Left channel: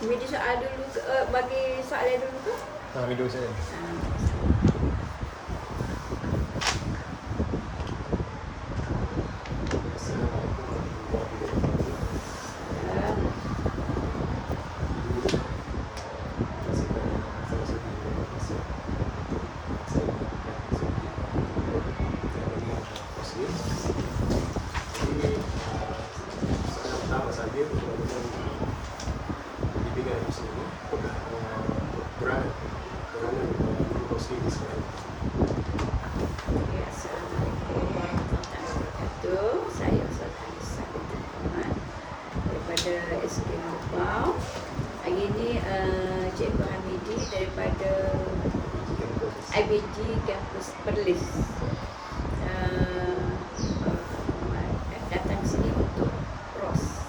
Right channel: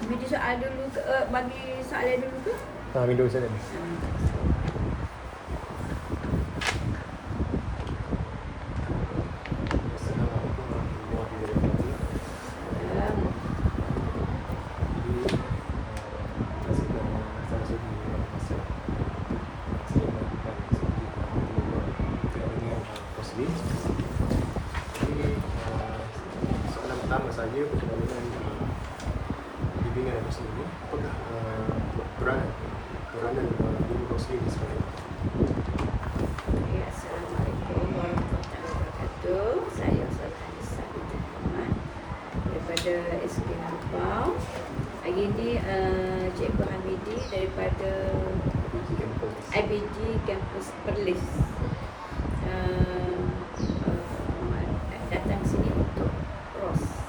Media soal dulu ke, bagi soalan dulu ke? Video saya. Saya bimbingan aku sendiri, apakah peranan guru kaunseling di sekolah? Assalamualaikum warahmatullahi wabarakatuh. Saya Nisa Muhammad daripada SK Merbau. Hari ini Cikgu Hamidi daripada IBG Kampus Perlis datang sini untuk ROS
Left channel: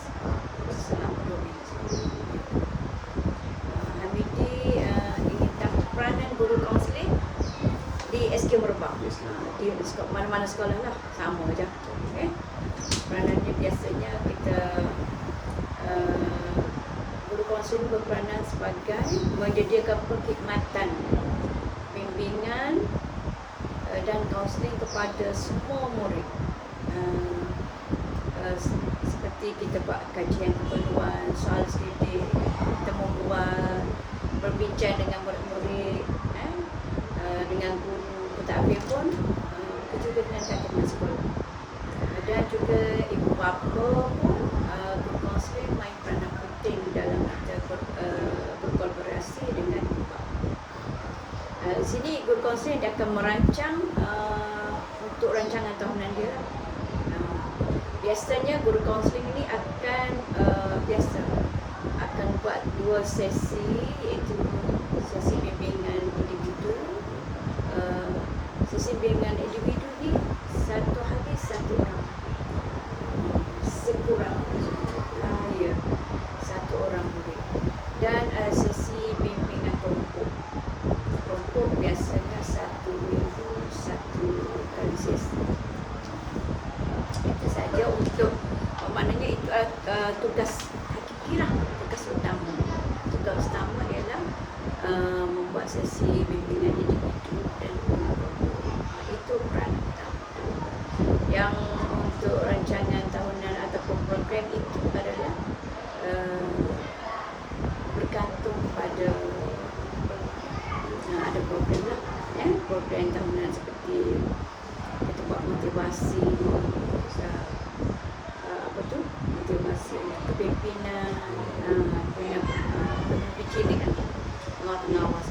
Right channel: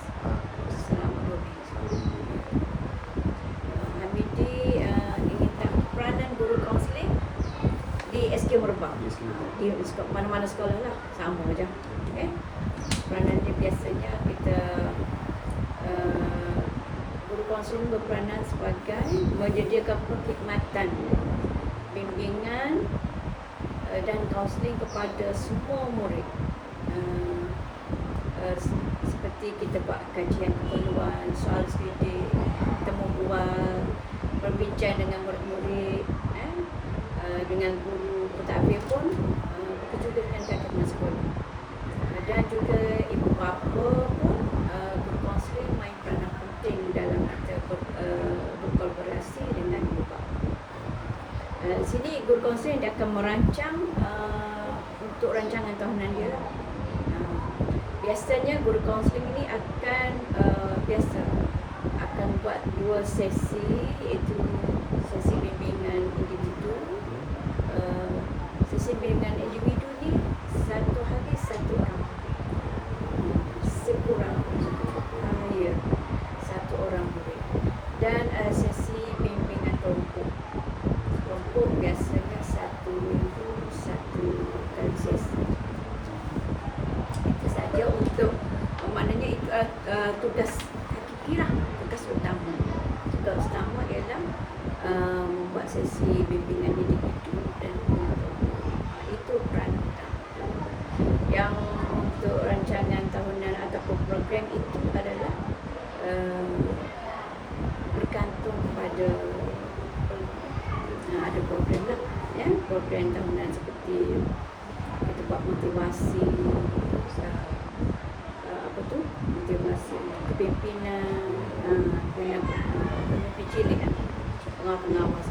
selama 2 minggu. Hamidi ingin peranan guru kaunseling di SK Merbau. Di mana-mana sekolah lah, sama je. Peranannya biasanya kita guru kaunseling berperanan sebagai menyediakan perkhidmatan bimbingan dan kaunseling kepada semua murid. Seperti kita buat kajian keperluan, soal skripsi, kita membuat berbincang dengan murid-murid, dengan guru pentadbir pun, begitu juga dengan teman sekolah. Dan juga ibu bapa pun, guru kaunseling main peranan penting dalam kita berkolaborasi dengan ibu bapa. Di sini guru kaunseling dia akan merancang untuk rancangan tahunan dia. Biasanya guru kaunseling ini akan buat 2 sesi, iaitu sesi bimbingan individu. Sesi bimbingan individu ni 1 hari 1 orang, sekurang-kurangnya 1 orang murid. Dan sesi bimbingan kelompok biasanya 1 minggu 1 kali sesi. Itu saja untuk maknanya itu tugas hakiki lah, tugas utama. Tugas utama ialah membuat sesi bimbingan individu dan kelompok. Itu peranan. Yang untuk rancangan tahunan ataupun program itu adalah bergantung pada ada program lah, program tahunan seperti kita buat motivasi, motivasi kepimpinan, pembimbing kan, pengawas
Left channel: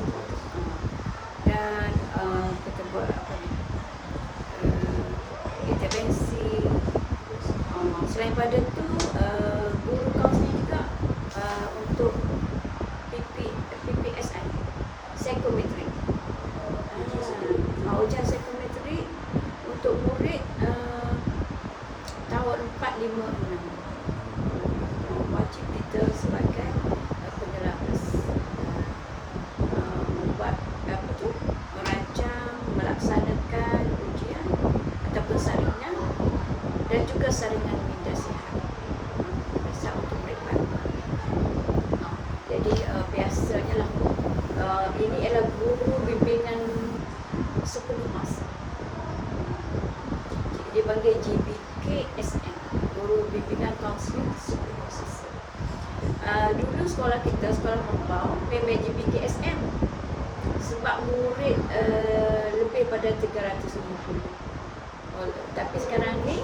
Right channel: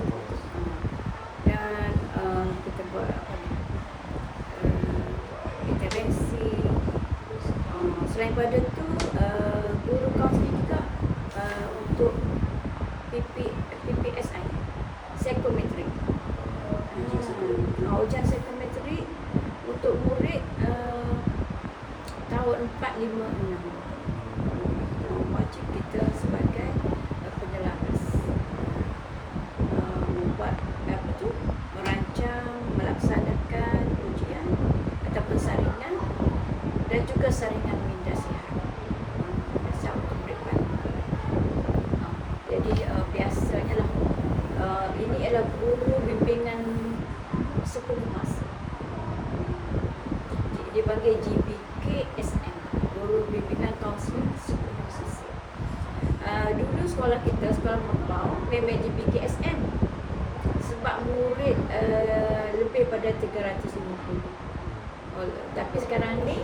dan kita buat intervensi. Selain pada tu, guru kaunseling juga untuk PPSN, psikometrik. Ujian psikometrik untuk murid tahun 4, 5, 6. Wajib kita sebagai penyelapis membuat merancang, melaksanakan ujian ataupun saringan dan juga saringan minda sihat untuk depan. Jadi biasanya lah ini adalah guru bimbingan 10 masa. Dipanggil GBKSM, guru bimbingan kaunseling 10 masa. Dulu sekolah kita, sekolah Merbau, memang GBKSM sebab murid lebih pada 350. Tapi sekarang ni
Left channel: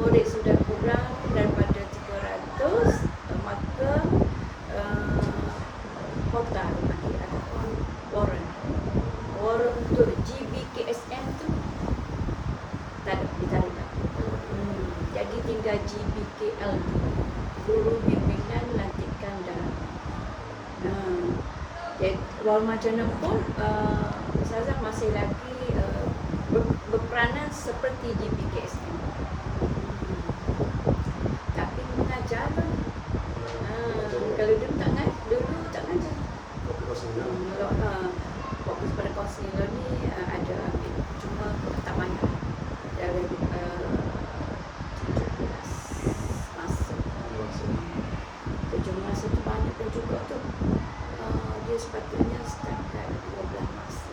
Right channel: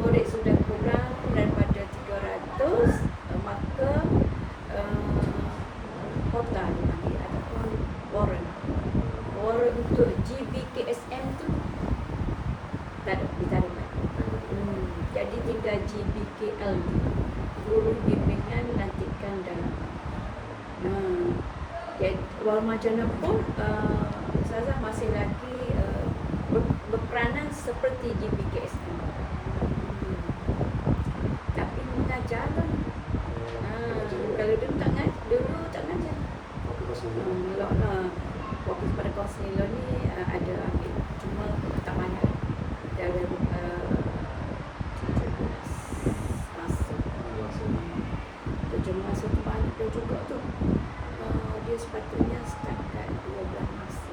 murid sudah kurang daripada 300, maka kota ataupun warren untuk GBKSM tu tak ada. Jadi tinggal GBKL, guru bimbingan lantikan dan Wal Majana pun Ustazah masih lagi berperanan seperti GBKSM, tapi mengajar kan. Kalau dulu tak ngajar. Fokus pada kaunseling ni ada cuma perkataan dari 17 masuk 17 satu banyak pun juga tu dia sepatutnya start kat 12 masa.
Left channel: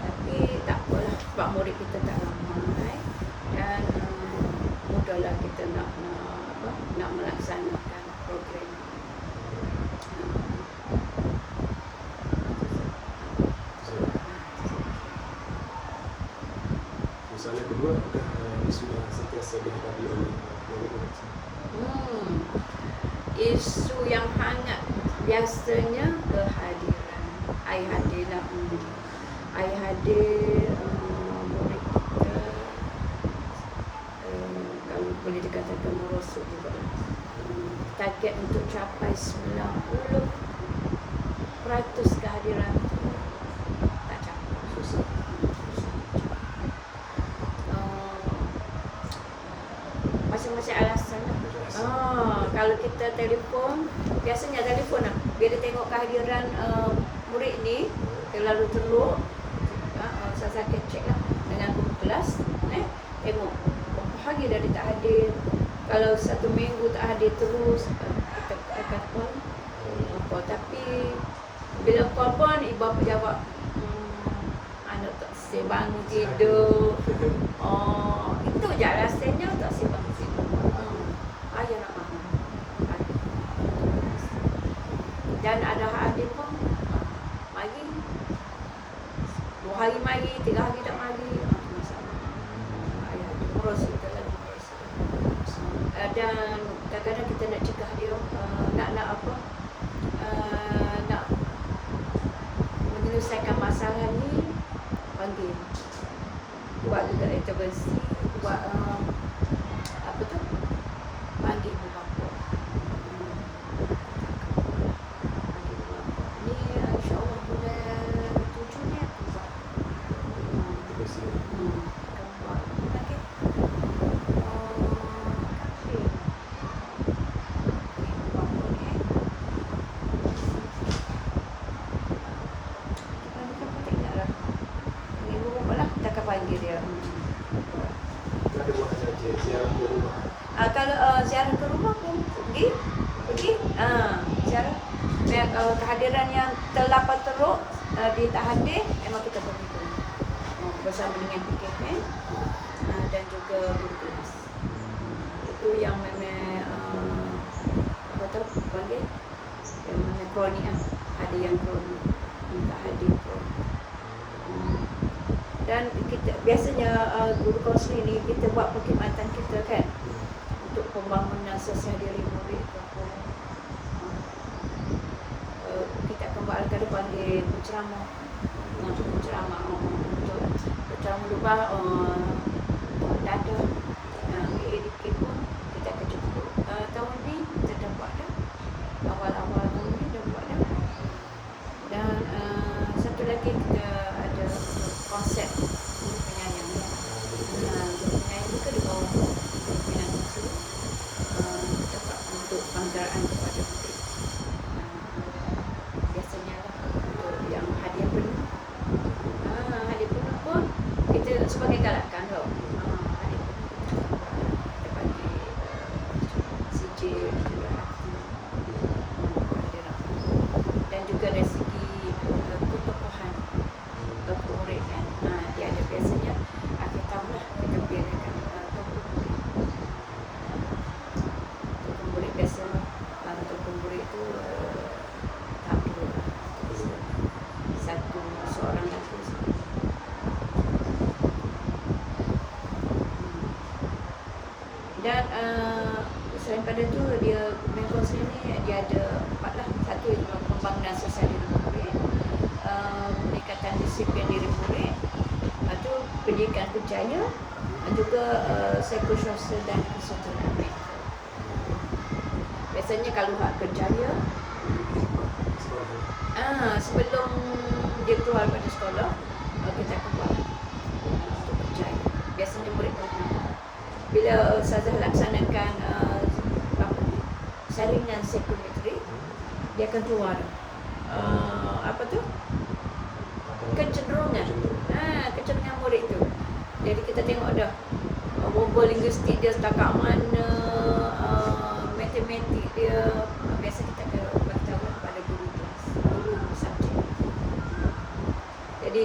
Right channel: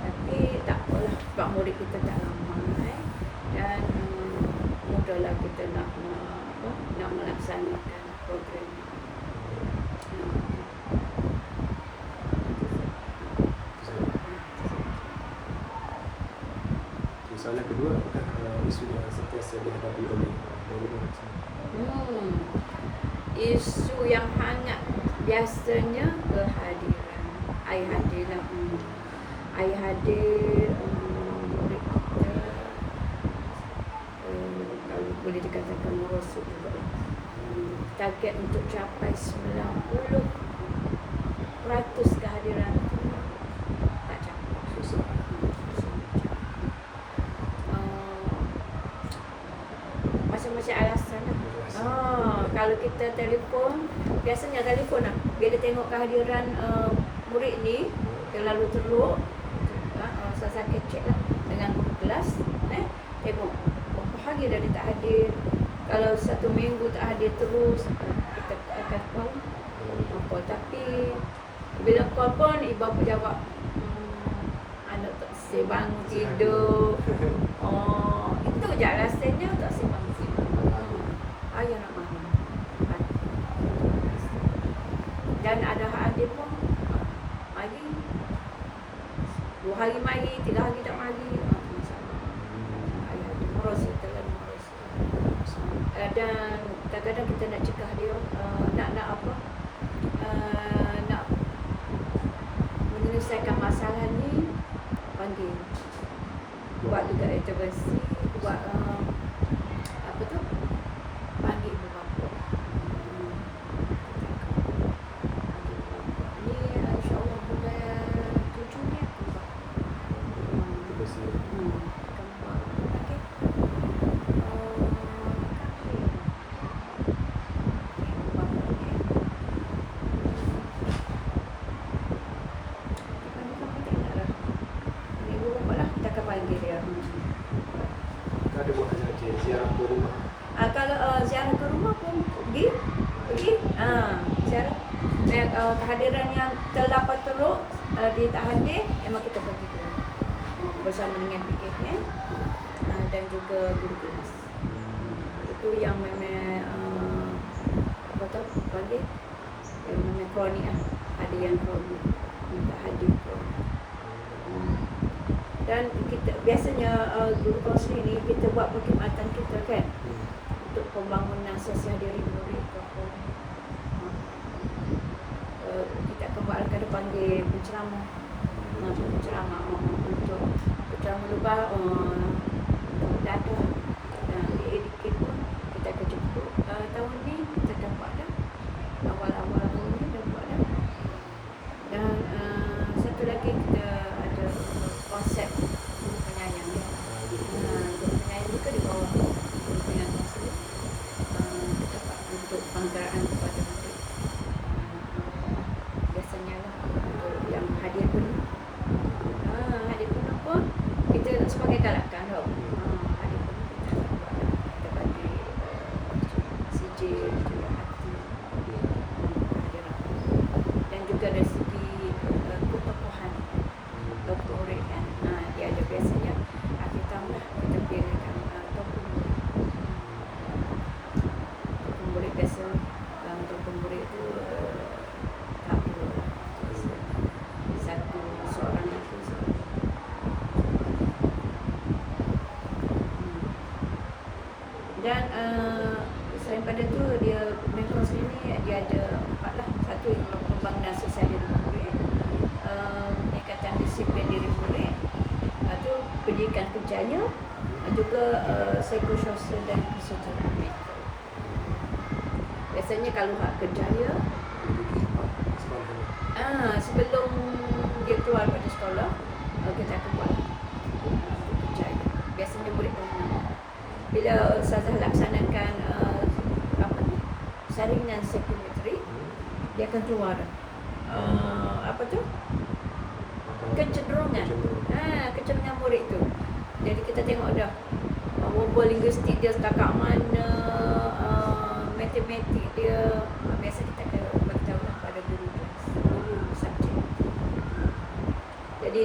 Tapi tak apalah sebab murid kita tak ramai dan mudahlah kita nak melaksanakan program. Soalan kedua, apakah isu yang sentiasa dihadapi oleh orang-orang? Isu yang hangat biasanya kehadiran. Ai hadir lah. Ai hadir murid kita kalau boleh dikatakan merosot juga. Target untuk capai 90% kehadiran tu tak capai. Susah. Masing-masing alasan. Kalau kita telefon, biasanya telefon lah. Bila tengok kehadiran murid ni terlalu teruk, saya check lah dengan guru kelas, tengok berapa hari dah dia tak hadir. Kalau 1 minggu tak hadir terus, kita akan call. Tapi bila call pun ibu apa jawab, anak tak say bangun tidur. Itu je rasanya tak say bangun tidur. Ayah nak bangun. Dan ada hadir pun mari 2 hari mari, 3 hari tak mari, masalah. Merosot kan. Dan kadang-kadang kita nak cegah dia nak menyelesaikan masalah ni, panggil, buat juga intervensi, buat panggil ibu bapa. Ni insyaAllah bulan 7 ni aku buat. Ada buat ziarah ke rumah. Kalau ziarah ke rumah pun pergi ziarah. Kehadiran yang terlampau teruk dia tak hadir, memang kita pergi dulu bersama dengan PKN dan juga guru kelas. Itu yang mana panggil yang mana kronik ada yang kronik tak hadir kronik. Dan kita biasanya guru kaunseling ni kita buat perkhidmatan kita kan untuk pembangunan sosial diri murid. Kita akan buat ada panggil penceramah untuk penceramah rumah data yang edukasi pun kita akan jemput tahun ni kita dapat dah awal-awal tahun ni dah buat dah. Dan satu lagi kita ada konsep guru penyayang ni. Guru penyayang kita di bawah guru penyayang kaunseling untuk penggaraan kepada murid. Biasanya lah untuk yang hadir penuh. Hadir penuh pun kita sebagai galakan tau. Hadir penuh kita bagi sijil, hati, dan juga dari segi ketokohan murid kan. Dia ada biasanya akhir tahun lah kita biarkan murid biasa untuk murid tu satu seorang lagu. Dan selain pada tu dia kaunseling ni dia ada 4 lah. Satu pembangunan sosial diri murid, peningkatan disiplin diri murid, tu pendidikan kerjaya, dan juga psikososial dan fisioterapi. Biasanya kalau hak kerjaya sebelum dia keluar pada sekolah kita akan buat untuk kerjaya. Biasanya murid bila Ustazah laksanakan saringan psikometri, dia akan keluar kecenderungan murid tu. Jadi kita tengok dah verbal linguistik dia setakat mana, matematik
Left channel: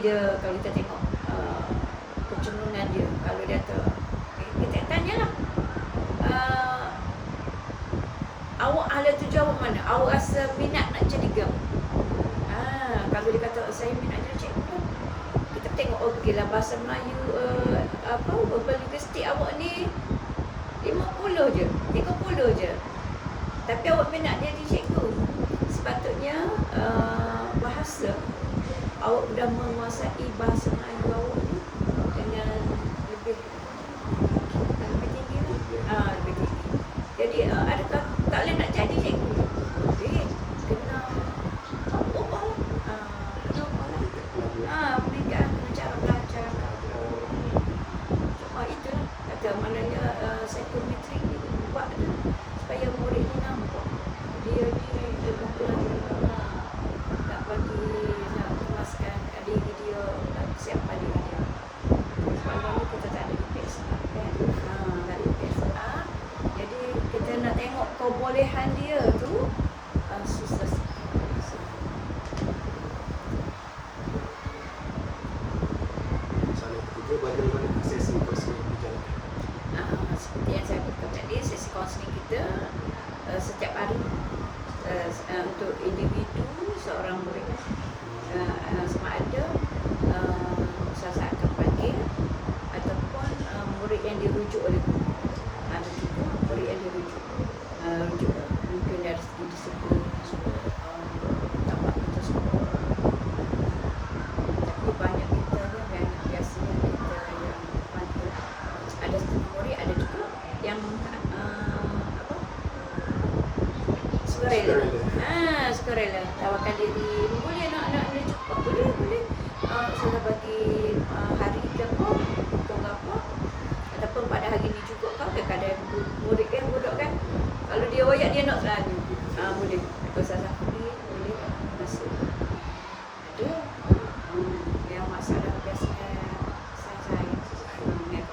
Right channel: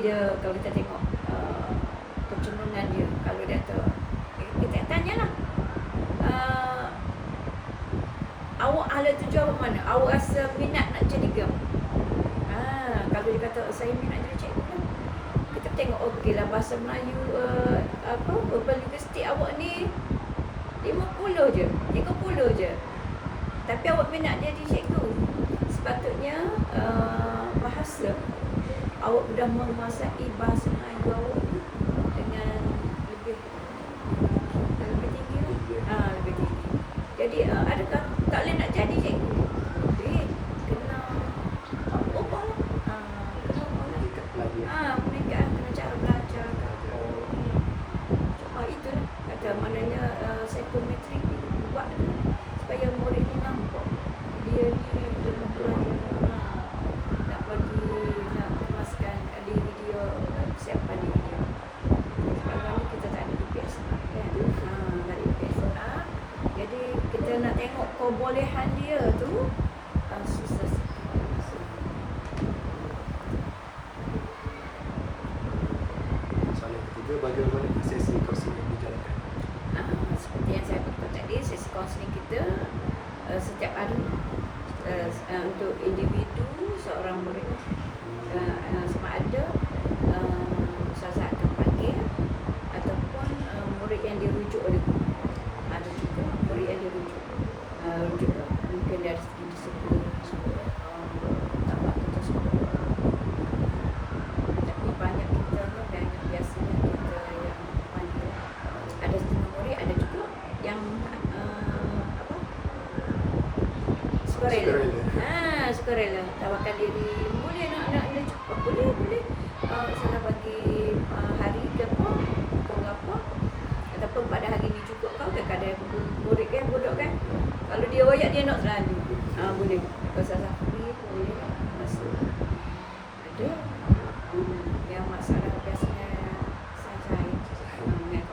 dia kalau kita tengok kecenderungan dia, kalau dia tu kita tanyalah, awak ahli tuju awak mana? Awak rasa minat nak jadi ke? Kalau dia kata saya minat jadi cikgu lah, kita tengok okeylah bahasa Melayu verbal linguistik awak ni 50 je, 30 je. Tapi awak minat jadi cikgu. Sepatutnya bahasa awak sudah menguasai bahasa Melayu awak ni dengan lebih tinggi lah. Lebih tinggi. Jadi adakah tak boleh nak jadi cikgu? Boleh. Kena ubah. Kena ubah lah. Pendidikan cara belajar. Itulah. Kata maknanya psikometrik ni buat tu supaya murid ni nampak dia ni lebih pelan. Nak puaskan diri dia, nak siapkan diri dia. Sebab ni kita tak ada GPS kan? Tak ada GPS. Jadi kita nak tengok kebolehan dia tu susah sikit. Soalan ketiga, bagaimana sesi kaunseling yang dijalankan? Seperti yang saya beritahu tadi, sesi kaunseling kita setiap hari untuk individu seorang murid sama ada ustazah akan panggil ataupun murid yang dirujuk oleh guru. Ada juga murid yang dirujuk mungkin dari segi disiplin tapak itu semua. Tapi banyak kita banyak biasanya kita yang panggil. Ada setengah murid, ada juga yang sukarela tawarkan diri, boleh anak-anak ni cepat, boleh sudah bagi hari ke apa ataupun pada hari ni cukup kau kadang-kadang murid kan budak kan, kalau dia royak dia nak selalu boleh Ustazah free, boleh masuk. Ada yang masalah biasanya saja yang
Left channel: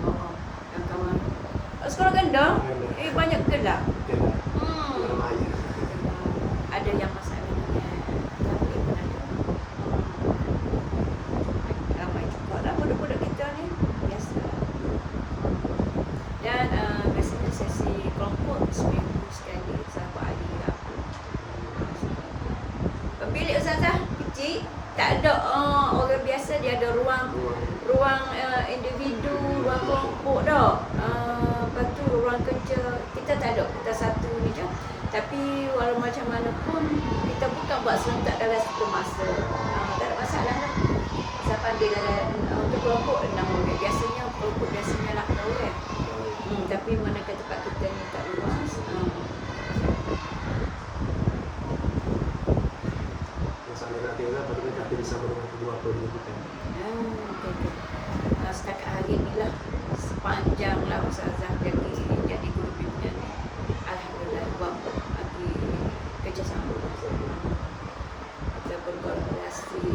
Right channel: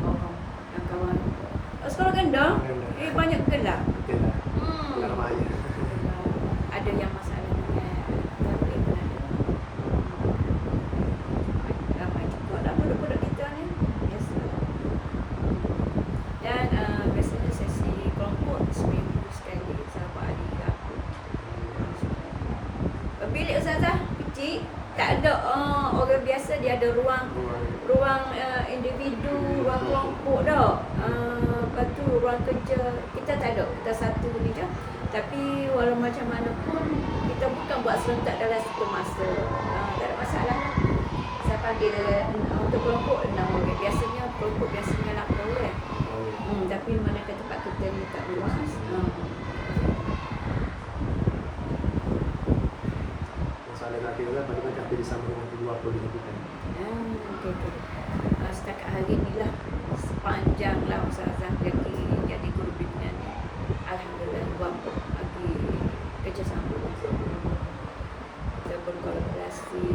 kawan-kawan sekolah rendah banyak gelap. Ada yang masalah dengan ramai juga lah budak-budak kita ni biasa. Dan biasanya sesi kelompok seminggu sekali sahabat hari lah. Bilik Ustazah kecil, tak ada orang biasa, dia ada ruang individu, ruang kelompok dah. Lepas tu ruang kerja kita tak ada, kita satu ni je. Tapi walau macam mana pun kita bukan buat serentak dalam satu masa. Tak ada masalah dah. Saya panggil untuk kelompok 6 orang. Biasanya kelompok biasanya 8 orang. Tapi mana ke tempat kita ni tak luas. Soalan terakhir adalah bagaimana kerjasama dengan guru apa dilakukan? Setakat hari ni lah, sepanjang lah Ustazah jadi guru bimbingan ni, alhamdulillah buat lagi kerjasama. Kita berkolaborasi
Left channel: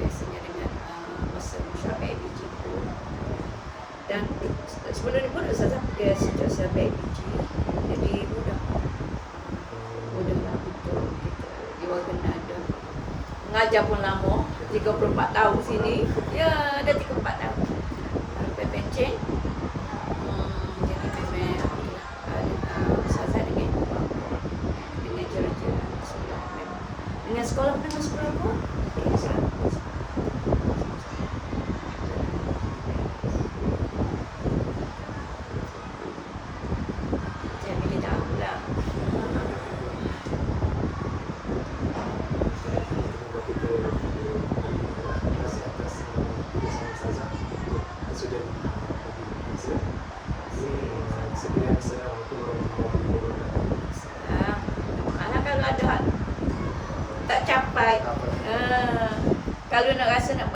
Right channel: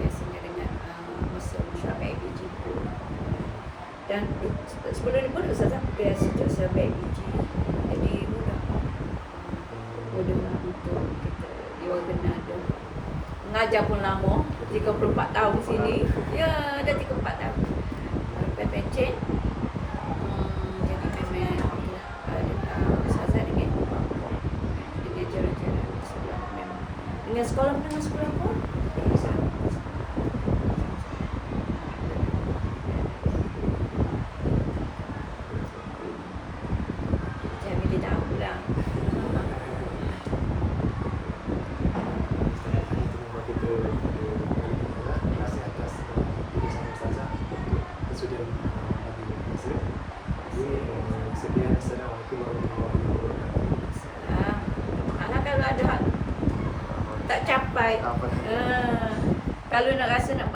biasanya dengan masa mesyuarat PIBG pun. Dan sebelum ni pun Ustazah sejak saya PIBG, jadi mudah lah untuk kita di warga Nada. Mengajar pun lama, 34 tahun sini. Ya, ada 34 tahun. Lepas pencen, jadi memang Ustazah dengan jari-jari sekolah memang. Dengan sekolah pun, sama. Jadi tidak pulang. Terima kasih atas kerjasama Ustazah untuk kesudian bagi masa. Ini sekian. Assalamualaikum warahmatullahi wabarakatuh. Kalau ada tak capai, kalau nak rasa nak